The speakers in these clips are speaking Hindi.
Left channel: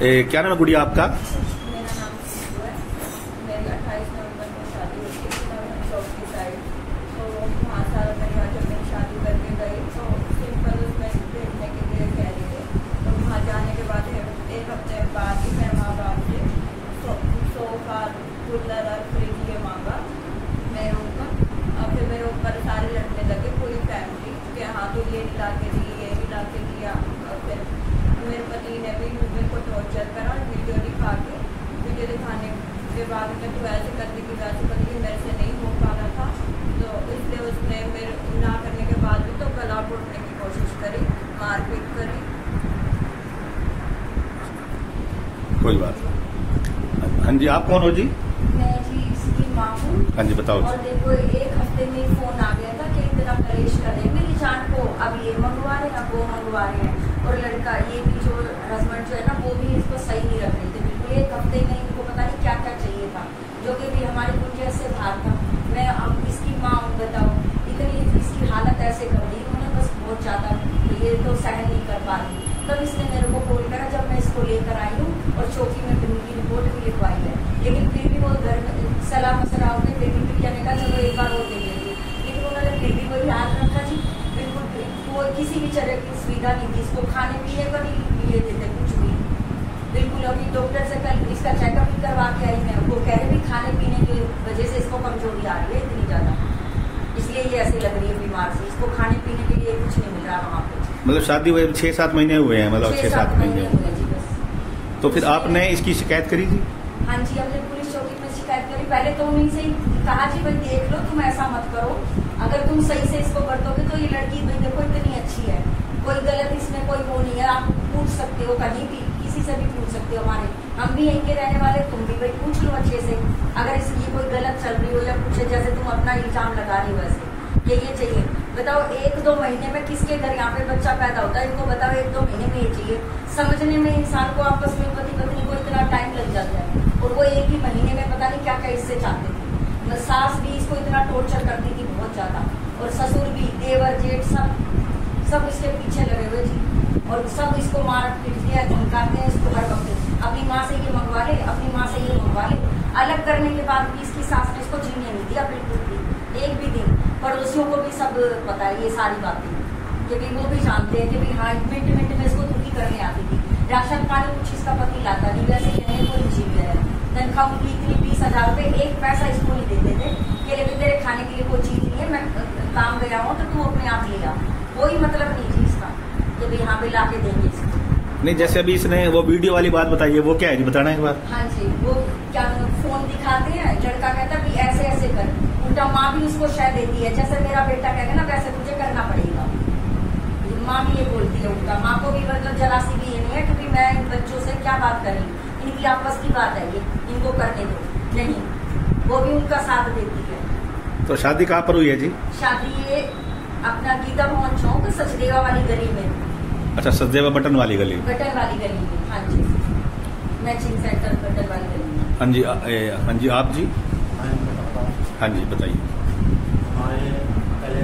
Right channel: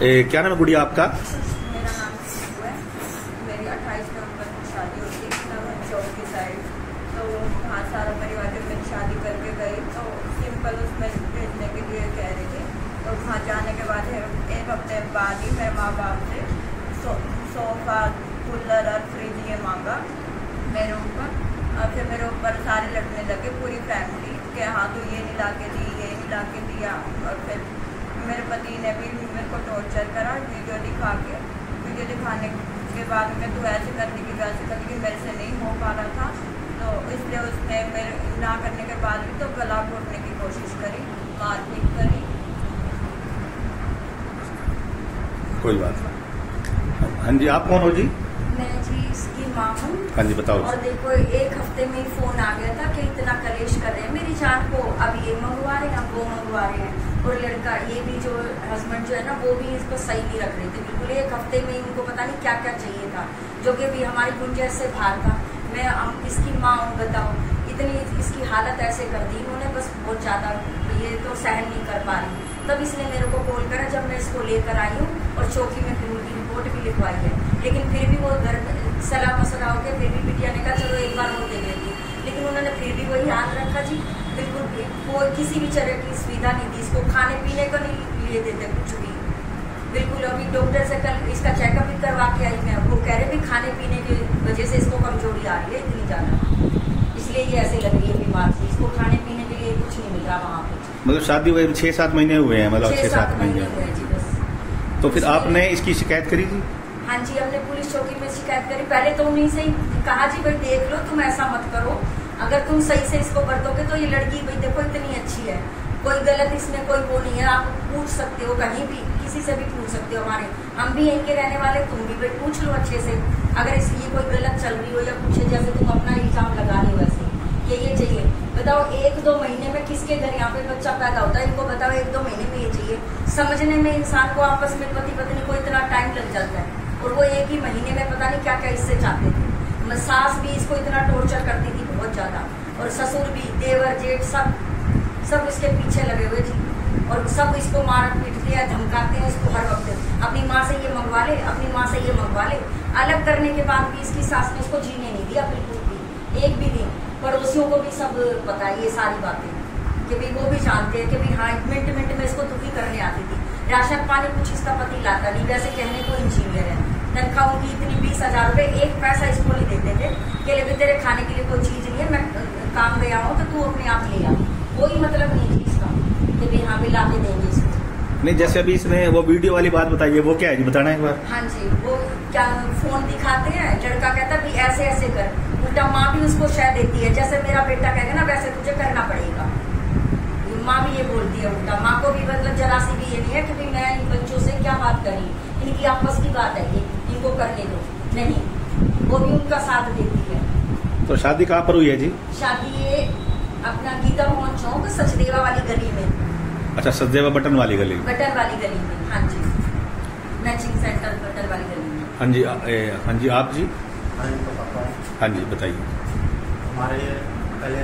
क्या नाम है गुड़िया आपका? मेरा नाम सिंधु है। मेरी 28 नवंबर को शादी होती है नवीन चौक की साइड। तो वहाँ सारा परिवार जब मेरी शादी करके गई तो सिंपल उसमें भेजने के लिए कह रही थी। तो वहाँ जाने के बाद एक हफ्ते बाद ही मैं माँ बाप से सोफा, कूलर और फ्रिज ये मांगा मेरे ऊपर। और फिर मेरे ऊपर सारे लड़ने लगे पूरी फैमिली के, हाँ तो ये नहीं ला के दी, ये नहीं ला के दिया। और फिर मेरे पति ने भी मेरे को टॉर्चर करा, वीडियो दिखाने के बाद में तू ऐसे करती कि वैसे करती कि मेरे से नहीं हो पा रहा था। तो इसलिए उसने मेरे ना करने के बाद भी तो गला घोटने की कोशिश करी, मारपीट करी। कोई बात नहीं। हाँ जी, आप कौन हो जी? मैं जी इसकी माँ हूँ। हाँ जी, बताओ। और देखो एक हफ्ते में ही फोन आ गया था कि इतना कलेश कर रहे हैं मेरी जान को, अब ये मंगवा रहे हैं, अब वो मंगवा रहे हैं। और लड़का ये भी जो हस्बैंड जो है ना वो भी इसको सही नहीं रख रहे थे बिल्कुल। एक हफ्ते में इनको पता नहीं क्या क्या चाहिए था जो कि भी हमारी गुंजाइश से बाहर था। मैं इसकी माँ हूँ, बताओ इतनी इसकी हालत ऐसे कर दी इन्होंने, बस बहुत ज्यादा ये तो सहन नहीं कर पा रही। तब इसने मेरे को कॉल करा जब मैं इसको लेकर आई हूँ और चौकी में फिर उनकी रिपोर्ट भी लिखवाई है। लेकिन फिर भी वो घर में सलाह मसला होकर फिर भी बिटिया ने कहा चलो एक बार और देख लेती, लेकिन उन्होंने फिर भी वही हाल रखा जी। बिल्कुल कोई किसी भी तरह की सुविधा नहीं दी इसको, खाने पीने का नहीं लिए देते कुछ भी बिल्कुल। अभी डॉक्टर से कल इसका चेकअप भी करवा के आई मैं, वो कह रहे भी खाने पीने की वजह से इसको कमजोरी आ रही है इतनी ज्यादा, इसलिए ये ऐसी लग रही है बीमार से। इसको खाने पीने के लिए कुछ नहीं मिल रहा वहाँ पे। मतलब शादी हुए 6-7 महीने हुए हैं, मतलब 6-7 महीने हुए जी बस। तो फिर आपने इसकी शिकायत करी जी? हाँ जी, हमने पुलिस चौकी में शिकायत करी। पहले तो उन्हीं से कहा जी भाई देख लो, तुम ऐसा मत करो, अगर तुम सही से इसको बरतोगे तो ये लड़की भाई देखो इतनी अच्छी है, कोई गलत इसमें कोई वो नहीं है, आप पूछ सकते हो कहीं भी, किसी से भी पूछ सकते हो। हम भी यहीं के रहने वाले, तुम भी भाई पूछ लो अच्छे से, अगर ये कोई गलत चल रही हो या कुछ जैसे तुम अपना इल्जाम लगा रहे हो वैसे ये चाहिए। बताओ 1-2 महीने में किसके घर यहाँ पे बच्चा पैदा होता है, इनको बताओ 1-2 महीने में ये चाहिए। समझने में इंसान को आपस में पति पत्नी को इतना टाइम लग जाता है, और वो 1 ही महीने में पता नहीं क्या क्या इससे चाहते थे। सास भी इसको इतना टॉर्चर करती थी बहुत ज्यादा, और ससुर भी, देवर जेठ सब इसके पीछे लगे हुए जी, और सब इसको मार पीटते हैं, धमकाते हैं इसको हर वक्त। अपनी माँ से ये मंगवा ले, अपनी माँ से ये मंगवा ले। अलग करने के बाद भी इसकी सास ने इसको जीने नहीं दिया बिल्कुल भी, एक भी दिन। पड़ोसियों को भी सब पता है ये सारी बातें, कि भी वो भी जानते हैं कि भी हाँ मिनट में इसको दुखी करने आती थी। राशन पानी कुछ इसका पति लाता नहीं, वैसे कहने को इंजीनियर है, तनख्वाह उनकी इतनी 20,000 रुपए, एक पैसा इसको नहीं देते थे कि ले तेरे खाने के लिए कोई चीज नहीं है, मैं काम गया हूँ तो तू अपने आप ले आ। कोई मतलब नहीं थी इसका कि भी हाँ भी ला के देंगे इसको। नहीं, जैसे अभी इसने वो वीडियो वाली बात बताई है, वो क्या है जी, बताना एक बार। हाँ जी, वो क्या फोन दिखाते हैं, लड़का कहता है ऐसे ऐसे कर, उल्टा माँ भी उसको शह देती है, जैसे मेरा बेटा कहेगा ना वैसे तुझे करना पड़ेगा। माँ भी ये बोलती है उल्टा, माँ को भी मतलब जरा सी भी ये नहीं है कि मैं इन बच्चों से क्या बात करी, इनकी आपस की बात है ये, इनको करने दो, नहीं, वो भी उनका साथ देती है। तो शादी कहाँ पर हुई है जी? शादी ये अपना गीता भवन चौक सचदेवा वाली गली में। अच्छा, सचदेवा बटन वाली गली में। बटन वाली गली में, हाँ जी, मैचिंग सेंटर बटन वाली गली में। हाँ जी, हाँ जी, आप जी? हाँ जी, बताइए। हमारे पहले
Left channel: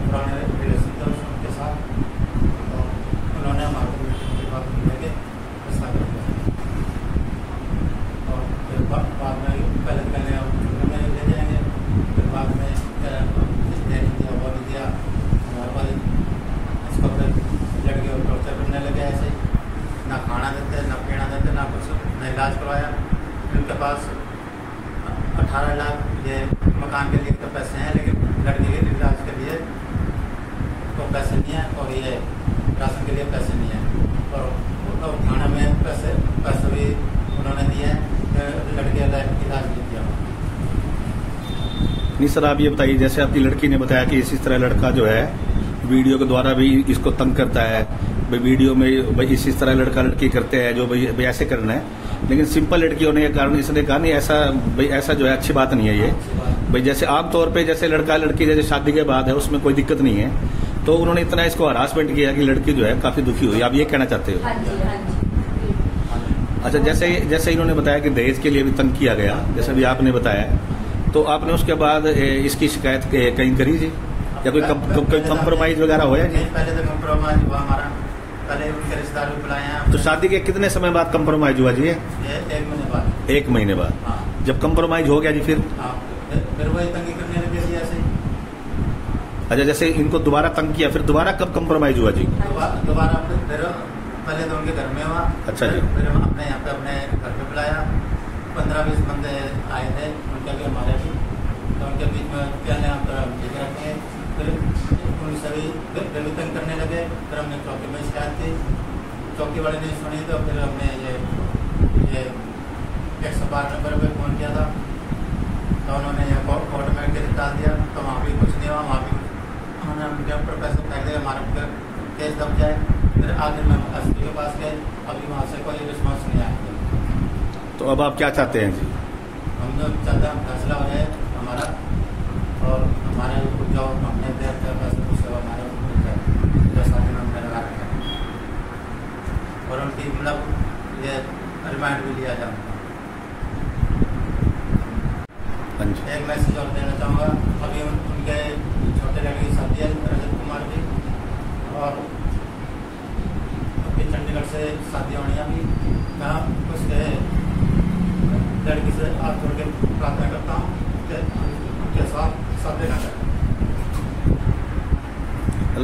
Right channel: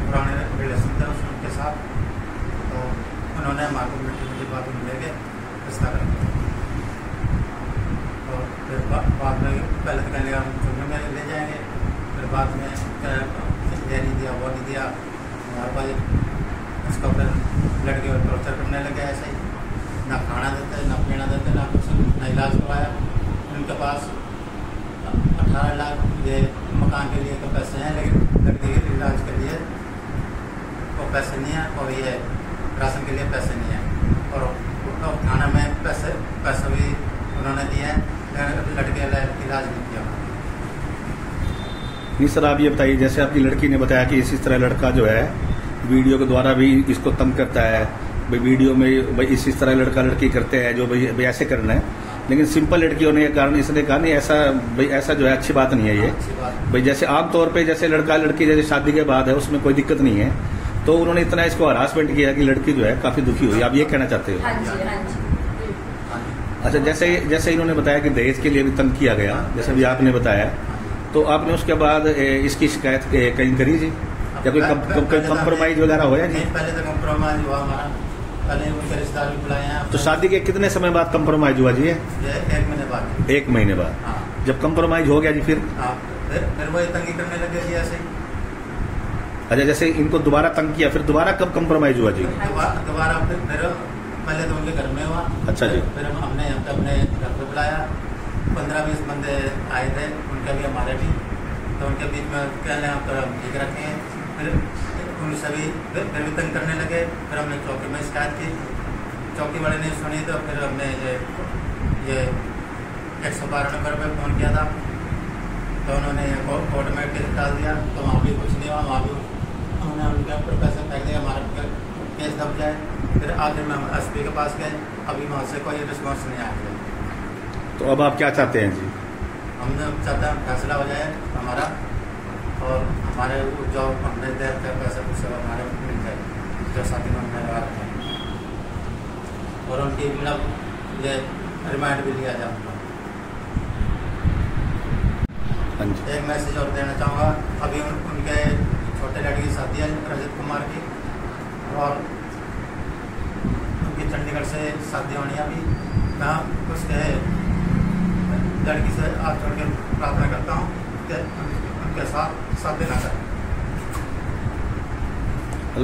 पुराने रिलेशन थे उनके साथ, तो उन्होंने हमारे मीटिंग के बाद लेके फैसला कर दिया। तो फिर बाद में पहले तो कहने का मेरे ले जाएंगे, फिर बाद में नहीं दिया, वो नहीं दिया हमारे भाई, इसको फिर लड़के और टॉर्चर करने लगे ऐसे ही, ना खाना देते, ना पीना देते, ना कुछ, ना इलाज करवाया। उनके पास 18 लाख ये मकान के लिए तो पैसे हैं, लेकिन लड़के के इलाज के लिए तो पैसे नहीं है, और ये राशन के लिए पैसे नहीं है, और खाना में पैसे भी उन्होंने दिए हैं, लड़के का इलाज नहीं किया। नहीं सर, आप ये बताइए, जैसे आपकी लड़की ने बताया कि इसी तरह लड़का जो है वीडियो के द्वारा भी इसको तंग करता है, भाई वीडियो में भाई इसी तरह लड़का लड़की करते हैं जो भाई ऐसे करना है, लेकिन सिंपल लड़की होने के कारण इसने कहा नहीं ऐसा जो है अच्छी बात नहीं है ये भाई। जैसे आमतौर पे जैसे लड़का लड़की जैसे शादी के बाद है उसमें कोई दिक्कत नहीं है, तो उन्होंने इतना इसको हरासमेंट किया कि लड़की जो है काफी दुखी हुई। आप ये कहना चाहते हो? हाँ जी, हाँ जी। अच्छा, जैसे इन्होंने बताया कि दहेज के लिए भी तंग किया गया, जैसे भी आपने बताया, तो आपने उसके बाद इसकी शिकायत कहीं करी जी, या कोई कंप्रोमाइज वगैरह होया जी? पहले तो कंप्रोमाइज हुआ हमारा, पहले उनके रिश्तेदार भी बुलाए हैं। तो शादी के कितने समय बाद कंप्रोमाइज हुआ जी? ये 1 महीने बाद। 1 महीने बाद। हाँ। जब कंप्रोमाइज हो गया जी फिर? हाँ, फिर वही तंगी करने लगे जी ऐसे। अच्छा, जैसे इनको दोबारा तंग किया, फिर दोबारा कब कंप्रोमाइज हुआ जी? दोबारा फिर पहले तो उनके घर में हुआ। अच्छा जी। फिर हमने यहाँ पे अपने घर पे बुलाया, 15-20 बंदे आए थे, उनके भी हमारे भी, तो उनके बीच में कहने हम ठीक रखे हैं। फिर उन सभी फिर भी तंग करने लगे। फिर हमने चौकी में शिकायत की, चौकी वाले ने सुनी, तो फिर हमने ये 112 नंबर पर फ़ोन किया था, तो उन्होंने ये कोर्ट में केस डाल दिया। तो वहाँ भी कुछ नहीं हुआ, वहाँ भी उन्होंने उनके ऊपर पैसे फेंक दिया, हमारा केस दब गया। फिर आखिर में हम SP के पास गए, अभी वहाँ से कोई रिस्पॉन्स नहीं आया। तो अब आप क्या चाहते हैं जी? हम चाहते हैं फैसला हो जाए हमारा, और हमारे जो हमने दे पैसे कुछ हमारे मिल गए, जो साथी में हमने लगा रखे, और उनकी मतलब ये रिमांड भी लिया जाए। एक मैसेज और देना चाहूँगा, अभी उनके छोटे लड़की की शादी है रजत कुमार की, और उनकी चंडीगढ़ से शादी होनी है। अभी मैं कुछ लड़की से हाथ जोड़ के प्रार्थना करता हूँ कि उनके साथ देना करें।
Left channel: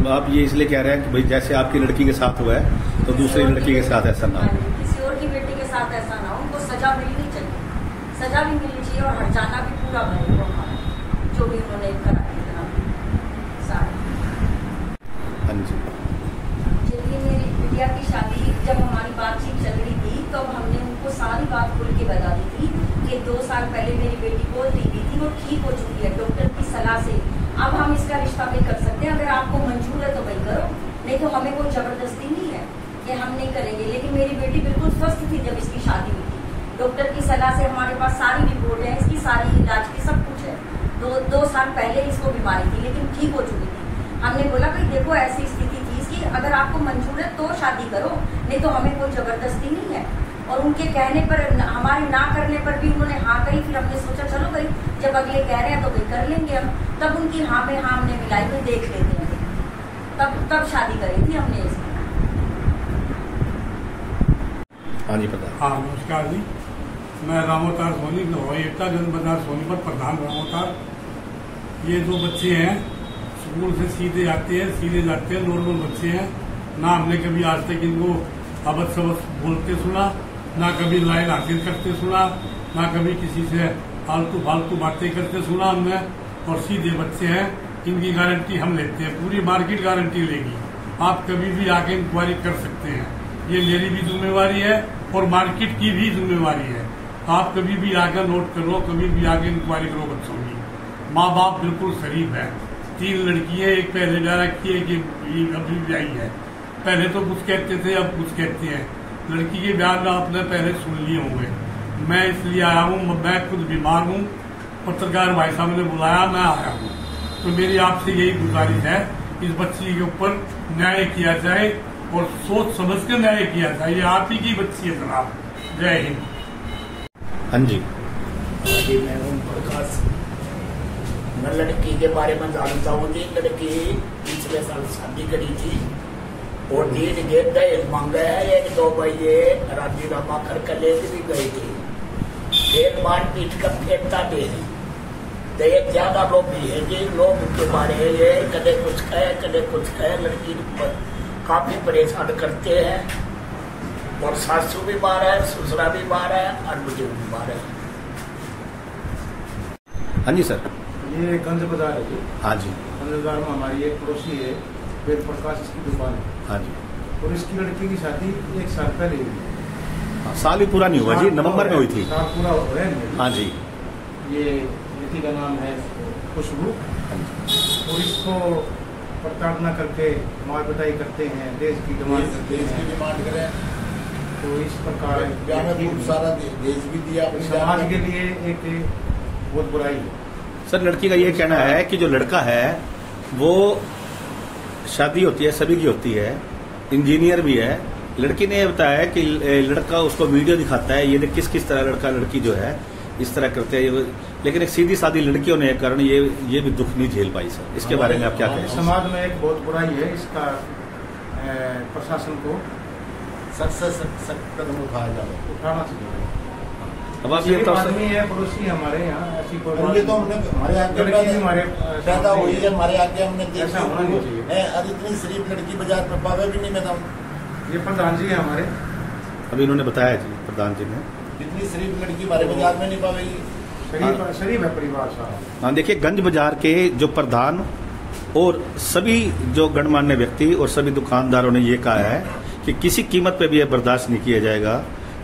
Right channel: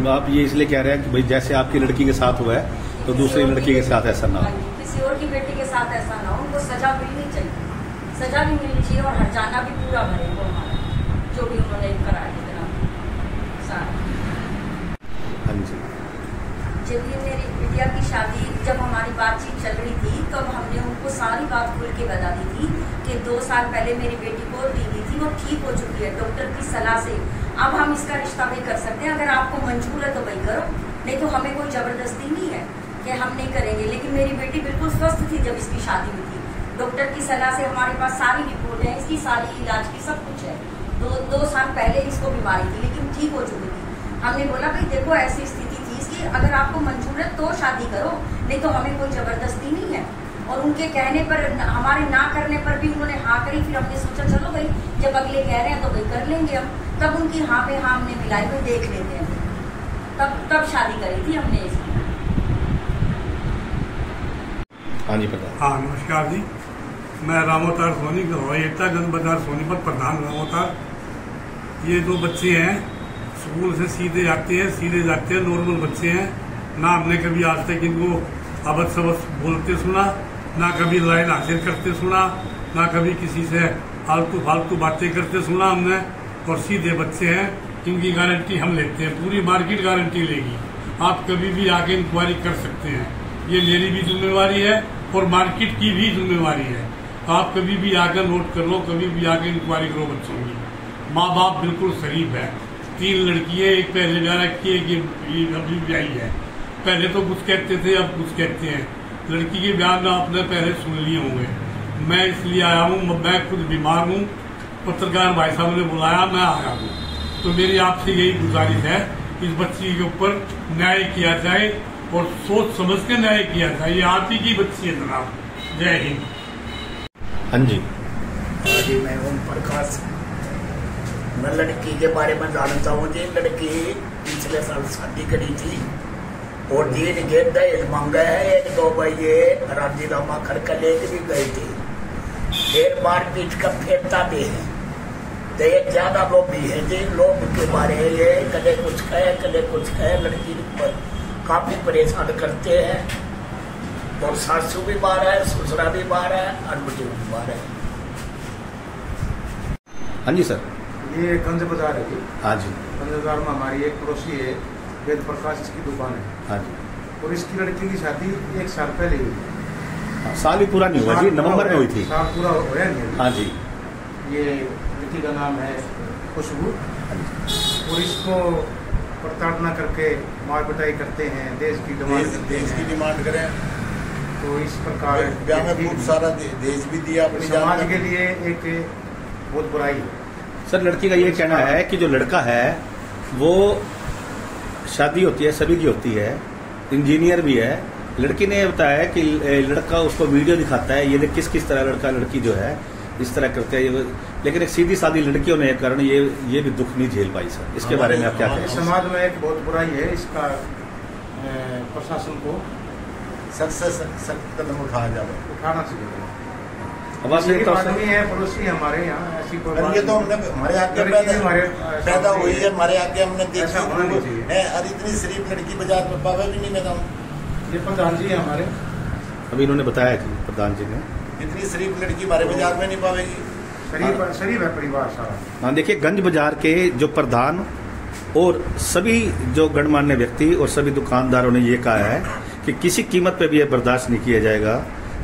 आप ये इसलिए कह रहे हैं कि भाई जैसे आपकी लड़की के साथ हुआ है तो दूसरी लड़की के साथ ऐसा ना हो, किसी और की बेटी के साथ ऐसा ना हो। उनको सजा मिलनी चाहिए, सजा भी मिलनी चाहिए, और हर्जाना भी पूरा भरे वो हमारा जो भी उन्होंने कराया। हाँ जी। चलिए, मेरी बिटिया की शादी जब हमारी बातचीत चल रही थी, तब हमने उनको सारी बात खुल के बता दी थी कि 2 साल पहले मेरी बेटी को टीबी थी, वो ठीक हो चुकी है डॉक्टर की सलाह से। अब हम इसका रिश्ता भी कर सकते हैं, अगर आपको मंजूर है तो भाई करो, नहीं तो हमें कोई जबरदस्ती नहीं है कि हम नहीं करेंगे। लेकिन मेरी बेटी बिल्कुल स्वस्थ थी जब इसकी शादी हुई थी, डॉक्टर की सलाह से हमारे पास सारी रिपोर्ट है, इसकी सारी इलाज की सब कुछ है। 2 साल पहले इसको बीमारी थी, लेकिन ठीक हो चुकी थी। हमने बोला भाई देखो ऐसी स्थिति थी इसकी, अगर आपको मंजूर है तो शादी करो, नहीं तो हमें कोई जबरदस्ती नहीं है। और उनके कहने पर, हमारे ना करने पर भी उन्होंने हाँ कही। फिर हमने सोचा चलो भाई जब अगले कह रहे हैं तो भाई कर लेंगे हम। तब उनकी हाँ में हाँ हमने मिलाई, तो देख लेते हैं, तब शादी करी थी हमने इसमें। हाँ जी प्रधान। हाँ नमस्कार जी, मैं रामोतार सोनी, एकता गंज बाजार सोनीपत प्रधान रामोतार। ये 2 बच्चे हैं, स्कूल से सीधे जाते हैं, नॉर्मल बच्चे हैं। ना हमने कभी आज तक इनको अबद सबद बोलते सुना, ना कभी लाइन हासिल करते सुना, ना कभी किसी से फालतू बातें करते सुना हमने। और सीधे बच्चे हैं, इनकी गारंटी हम लेते हैं, पूरी मार्केट गारंटी लेगी। आप कभी भी आके इंक्वायरी कर सकते हैं, ये मेरी भी जिम्मेवारी है और मार्केट की भी जिम्मेवारी है। आप कभी भी आकर नोट कर लो, कभी भी आके इंक्वायरी करो बच्चों की। माँ बाप बिल्कुल शरीफ है, 3 लड़की है, एक पहले ब्याह रखी है, एक अभी ब्याही है। पहले तो कुछ कहते थे, अब कुछ कहते हैं। लड़की के ब्याह में आपने पहले सुन लिए होंगे। मैं इसलिए आया हूँ, मैं खुद बीमार हूँ, पत्रकार भाई साहब ने बुलाया, मैं आया हूँ। तो मेरी आपसे यही गुजारिश है, इस बच्ची के ऊपर न्याय किया जाए और सोच समझ के न्याय किया जाए। ये आप ही की बच्ची है जनाब। जय हिंद। हाँ जी। जी मैं ओम प्रकाश। मैं लड़की के बारे में जानता हूँ जी। लड़की पिछले साल शादी करी थी और दिन के दहेज मांगा है। 1-2 बजे राजीनामा करके लेके भी गई थी, फिर मारपीट का फेरता भी है। दहेज ज्यादा लोभी है जी, लोग के बारे में ये कदे कुछ कहे। लड़की पर काफी परेशान करते हैं, और सासू भी मारा है, ससुरा भी मारा है, और मुझे भी मारा है। हाँ जी सर। ये गंज बाजार है जी। हाँ जी। गंज बाजार में हमारी एक पड़ोसी है, वेद प्रकाश की दुकान है। हाँ जी। और इसकी लड़की की शादी 1 साल पहले हुई थी। हाँ, साल भी पूरा नहीं हुआ जी, नवंबर में हुई थी। साल पूरा हुआ है। हाँ जी। ये लड़की का नाम है खुशबू। हाँ जी। और इसको प्रताड़ना करके मार पिटाई करते हैं, देश की डिमांड करें। तो इस प्रकार बहुत सारा देश भी दिया, अपनी समाज के लिए एक बहुत बुराई है। सर लड़की का ये कहना है कि जो लड़का है वो शादी होती है, सभी की होती है, इंजीनियर भी है। लड़की ने बताया कि लड़का उसको वीडियो दिखाता है, ये किस किस तरह लड़का लड़की जो है इस तरह करते हैं। लेकिन एक सीधी सादी लड़की होने के कारण ये भी दुख नहीं झेल पाई। सर इसके बारे में आप क्या कहेंगे? समाज में एक बहुत बुराई है, इसका प्रशासन को सख्त से सख्त कदम उठाया जाए, उठाना चाहिए। अब आप ये आदमी है, पड़ोसी है हमारे यहाँ, ऐसी कोई बात ये तो हमने हमारे आगे पैदा हुई है, हमारे आगे हमने ऐसा होना नहीं चाहिए। देखी और इतनी शरीफ लड़की बाजार में पावे भी नहीं। मैं ये प्रधान जी है हमारे, अभी इन्होंने बताया जी, प्रधान जी ने, इतनी शरीफ लड़की हमारे बाजार में नहीं पावेगी। शरीफ है परिवार सारा। हाँ, देखिए गंज बाजार के जो प्रधान और सभी जो गणमान्य व्यक्ति और सभी दुकानदारों ने ये कहा है कि किसी कीमत पे भी यह बर्दाश्त नहीं किया जाएगा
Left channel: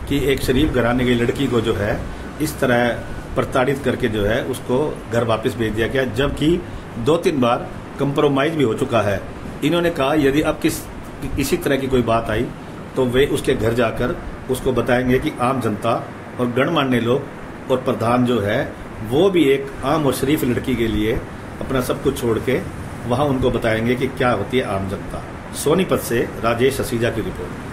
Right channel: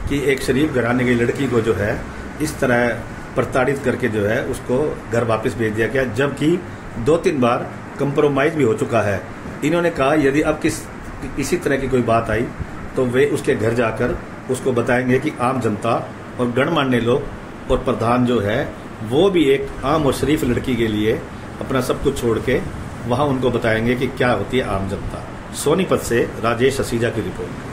कि एक शरीफ घराने की लड़की को जो है इस तरह प्रताड़ित करके जो है उसको घर वापस भेज दिया गया, जबकि 2-3 बार कंप्रोमाइज भी हो चुका है। इन्होंने कहा यदि अब किसी तरह की कोई बात आई तो वे उसके घर जाकर उसको बताएंगे कि आम जनता और गणमान्य लोग और प्रधान जो है वो भी एक आम और शरीफ लड़की के लिए अपना सब कुछ छोड़ के वहां उनको बताएंगे कि क्या होती है आम जनता। सोनीपत से राजेश असीजा की रिपोर्ट।